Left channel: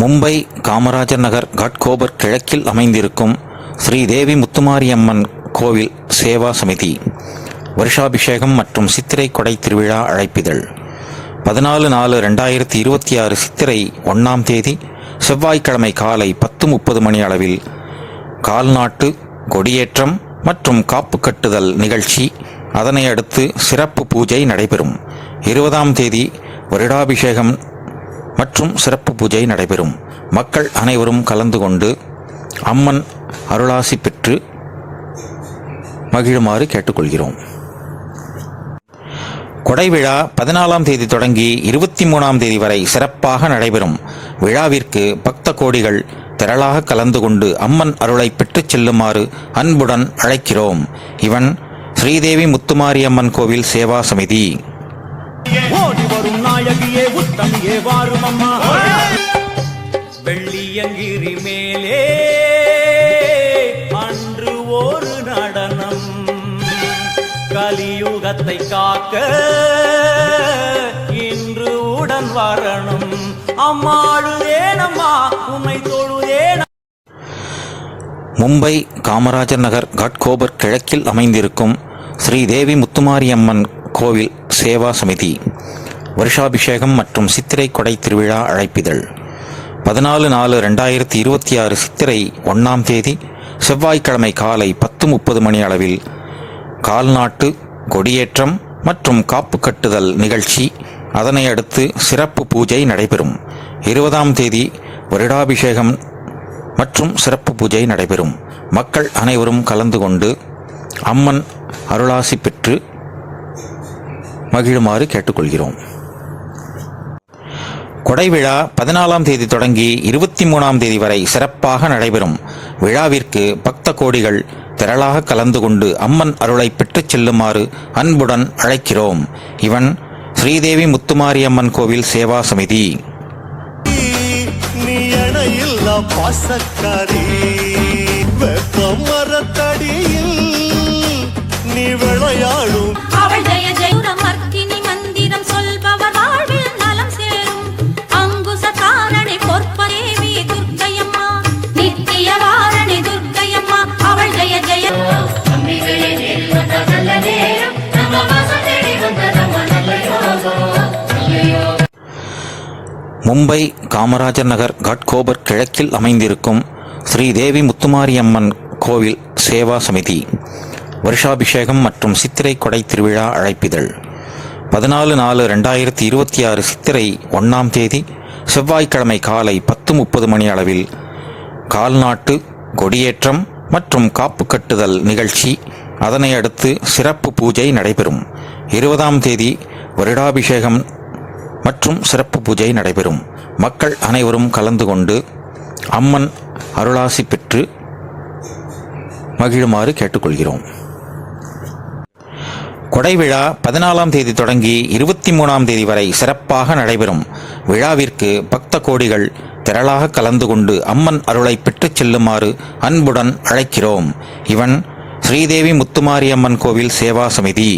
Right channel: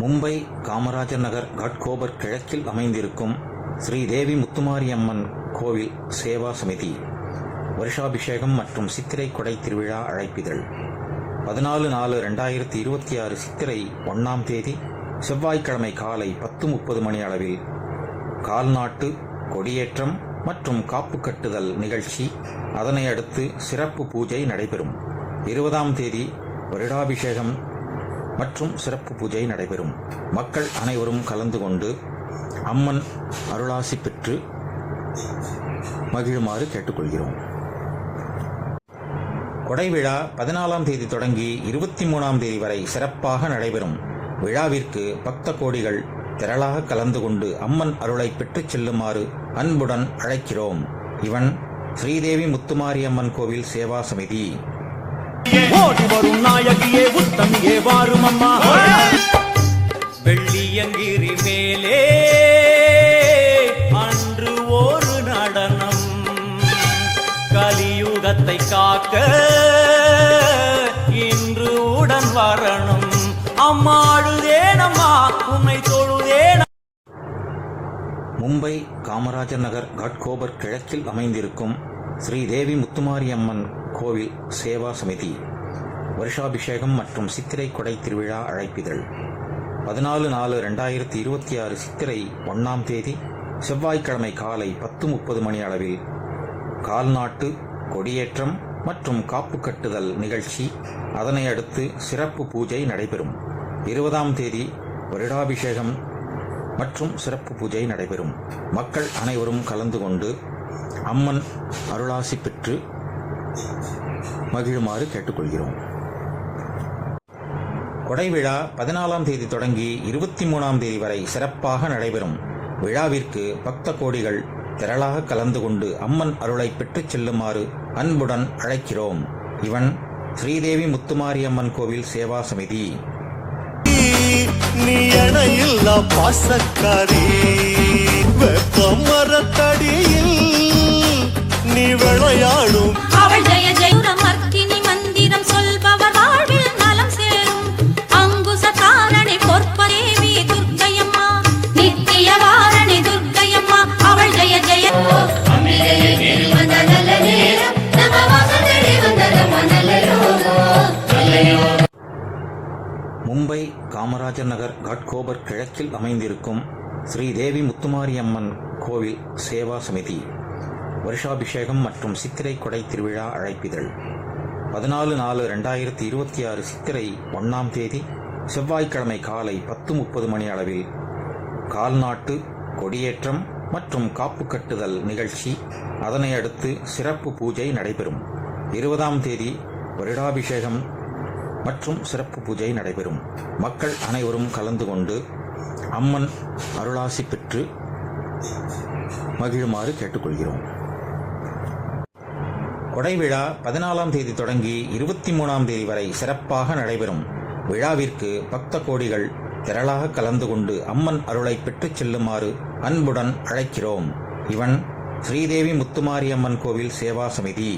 மும்பை காமராஜர் நகர் காட்கோபர் கிழக்கில் அமைந்திருக்கும் ஸ்ரீதேவி முத்துமாரியம்மன் கோவில் சேவா சமிதி வருஷாபிஷேகம் மற்றும் சித்திரை கொடை திருவிழா அழைப்பிதழ் 14/4/2026 சித்திரை 1ஆம் தேதி செவ்வாய்க்கிழமை காலை 10:30 மணி அளவில் கால்நாட்டு கொடியேற்றம் மற்றும் காப்பு கட்டுதல் நிகழ்ச்சி. அதனை அடுத்து சிறப்பு பூஜை நடைபெறும். 20ஆம் தேதி வருடாபிஷேகம் மற்றும் சிறப்பு பூஜை நடைபெறும். மக்கள் அனைவரும் கலந்து கொண்டு அம்மன் அருளாசி பெற்று மகிழுமாறு கேட்டுக்கொள்கிறோம். கொடை விழா 14ஆம் தேதி தொடங்கி 23ஆம் தேதி வரை சிறப்பாக நடைபெறும். விழாவிற்கு பக்த கோடிகள் திரளாக கலந்து கொண்டு அம்மன் அருளை பெற்றுச் செல்லுமாறு அன்புடன் அழைக்கிறோம். இவன் ஸ்ரீதேவி முத்துமாரியம்மன் கோவில் சேவா சமிதி. ஓடி வரும் நாயகியே உத்தமியே வாரும் அம்மா. வெள்ளியங்கிரி மேலே அன்று ஒரு நடனம், கலியுகத்தை காக்க இன்று உடன் வரணும். அம்மாடுதேனம்மா உன்னை தொழுதேன. மும்பை காமராஜர் நகர் காட்கோபர் கிழக்கில் அமைந்திருக்கும் ஸ்ரீதேவி முத்துமாரியம்மன் கோவில் சேவா சமிதி வருஷாபிஷேகம் மற்றும் சித்திரை கொடை திருவிழா அழைப்பிதழ் 14/4/2026 சித்திரை 1ஆம் தேதி செவ்வாய்க்கிழமை காலை 10:30 மணி அளவில் கால்நாட்டு கொடியேற்றம் மற்றும் காப்பு கட்டுதல் நிகழ்ச்சி. அதனை அடுத்து சிறப்பு பூஜை நடைபெறும். 20ஆம் தேதி வருடாபிஷேகம் மற்றும் சிறப்பு பூஜை நடைபெறும். மக்கள் அனைவரும் கலந்து கொண்டு அம்மன் அருளாசி பெற்று மகிழுமாறு கேட்டுக்கொள்கிறோம். கொடை விழா 14ஆம் தேதி தொடங்கி 23ஆம் தேதி வரை சிறப்பாக நடைபெறும். விழாவிற்கு பக்த கோடிகள் திரளாக கலந்து கொண்டு அம்மன் அருளை பெற்றுச் செல்லுமாறு அன்புடன் அழைக்கிறோம். இவன் ஸ்ரீதேவி முத்துமாரியம்மன் கோவில் சேவா சமிதி. நீ அணையில்லா பாசக்காரி, வெப்பமரத்தடியில் நீ விளையாடும் அவள் ஜெய ஜெயமர்த்தினி மந்திரம் சொல்பவர் வாழ்வில் நலம் சேரும். அங்குச தாரணி பொற்பதேவி துர்க்கையம்மா, நித்திய வாரணி துர்க்கையம்மா. அவள் ஜெய ஜெய மும்பை காமராஜர் நகர் காட்கோபர் கிழக்கில் அமைந்திருக்கும் ஸ்ரீதேவி முத்துமாரியம்மன் கோவில் சேவா சமிதி வருஷாபிஷேகம் மற்றும் சித்திரை கொடை திருவிழா அழைப்பிதழ் 14/4/2026 சித்திரை 1ஆம் தேதி செவ்வாய்க்கிழமை காலை 10:30 மணி அளவில் கால்நாட்டு கொடியேற்றம் மற்றும் காப்பு கட்டுதல் நிகழ்ச்சி. அதனை அடுத்து சிறப்பு பூஜை நடைபெறும். 20ஆம் தேதி வருடாபிஷேகம் மற்றும் சிறப்பு பூஜை நடைபெறும். மக்கள் அனைவரும் கலந்து கொண்டு அம்மன் அருளாசி பெற்று மகிழுமாறு கேட்டுக்கொள்கிறோம். கொடை விழா 14ஆம் தேதி தொடங்கி 23ஆம் தேதி வரை சிறப்பாக நடைபெறும். விழாவிற்கு பக்த கோடிகள் திரளாக கலந்து கொண்டு அம்மன் அருளை பெற்றுச் செல்லுமாறு அன்புடன் அழைக்கிறோம். இவன் ஸ்ரீதேவி முத்துமாரியம்மன் கோவில் சேவா சமிதி.